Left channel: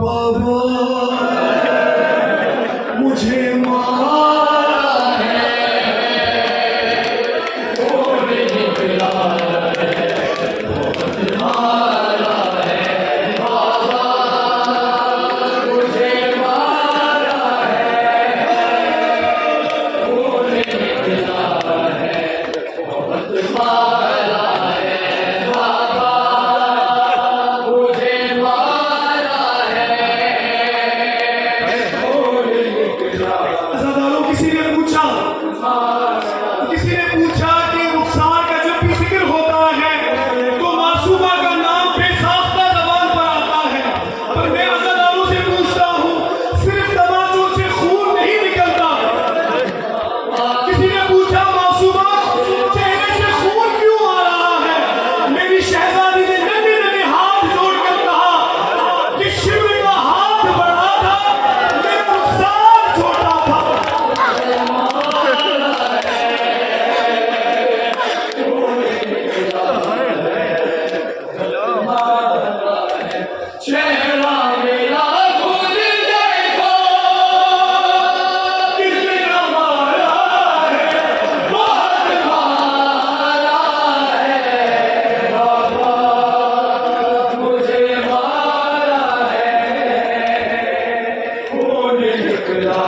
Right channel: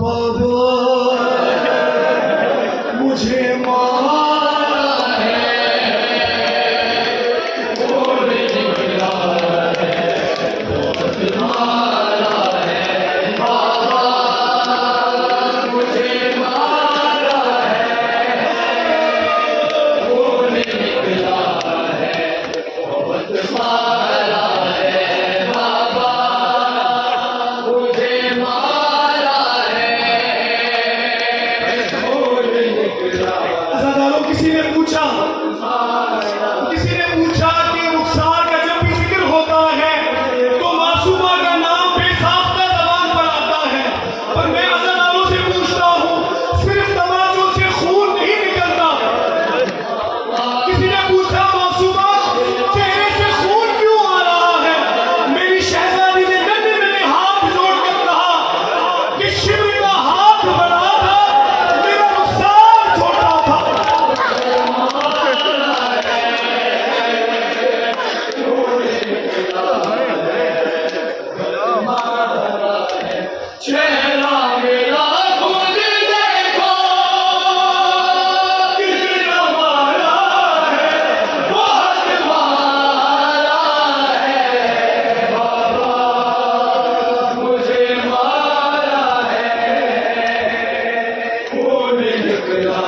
बाबा मुझे मारा है, खून निकला है, बहुत मारा है बाबा मुझे मारा है, खून निकला है, बहुत मारा है बाबा मुझे मारा है, खून निकला। अज़ादारों, किसी ने पूछा कि रुखसार का जब भी जिक्र होता है तो मासूमा का नाम बेसाख्ता ज़बान पर आता है, पर मैं अज़ादारों से पूछता हूँ, सिर्फ तमाचों से खून नहीं निकलता। किसी ने पूछा मासूमा चेहरे से खून क्यों आ रहा है? मेरी शहजादी ने नन्हे नन्हे हाथ जोड़कर कहा कि शिविर का हाथ बड़ा था, मेरा रुखसार छोटा था। चेहरा मेरा खुद देखो, कितना मारा है, बहुत मारा है बाबा मुझे मारा है, खून निकला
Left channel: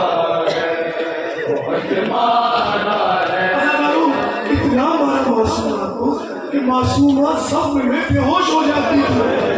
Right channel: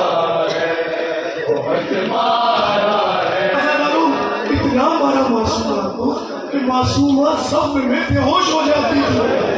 है, बहुत मारा है। इतना मारा मासूमा को कि मासूमा सब में बेहोश हो जाती है।